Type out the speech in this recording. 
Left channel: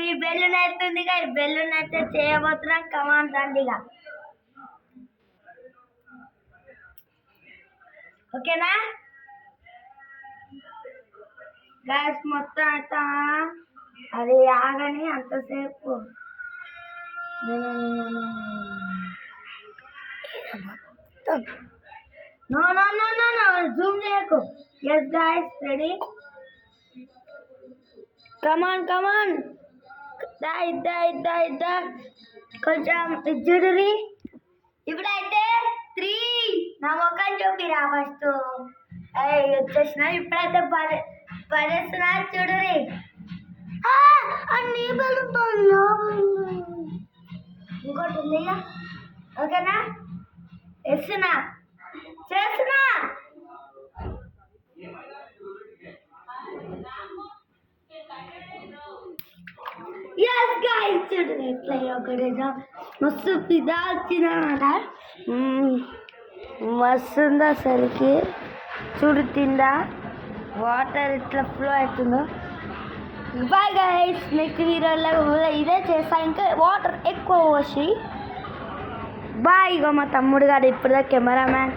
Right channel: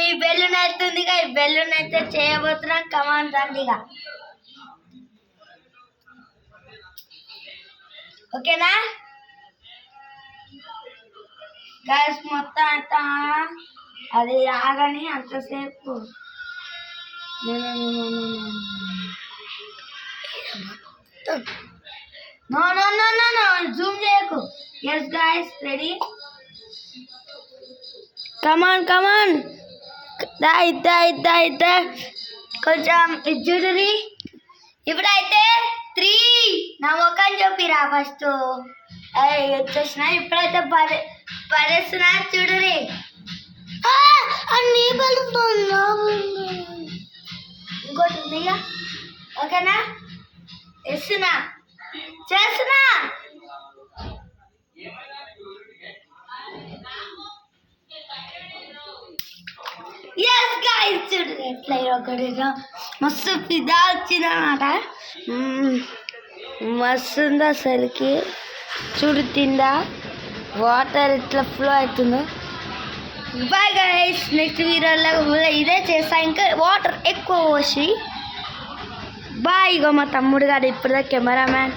మీ balloon అవుతుందిగా, ఈ balloon అయితే చేయబోతున్నాం. కమాన్ రండిగా, ఓకేనా గ్యాస్ మొత్తం అయితే అది రాగానే అంతసేపు no no no no no zoom చేయకు. Yes guys ready, come on come on దా కొంచెం చూడరి. ఇప్పుడైతే 3 నా ముఖం చూపిరా ఫస్ట్. వచ్చేసిన ఇప్పుడైతే పడేస్తున్నా చూడరి. అన్ని బలుతున్నా ఇంకోటి ఉందిగా, ఓకేనా వేస్తున్నా చేస్తున్నా. ఎస్ గాయ్స్ చూడండి ఎట్లా ఒకటిగా మస్తు పిదా వచ్చిందన్నమాట. మస్తు ఉంది అసలుకి. చూడు తిందా వాటర్ ఇట్లా ఫ్లో అవుతుందో. బాయ్ గైస్, నెక్స్ట్ వీడియోలో ఇదే చేస్తా, ఇంకా వాటర్ ఎక్కువ పోసి. బాయ్. ఇగో మా తమ్ముడు గారు ఇప్పుడు కెమెరామ్యాన్.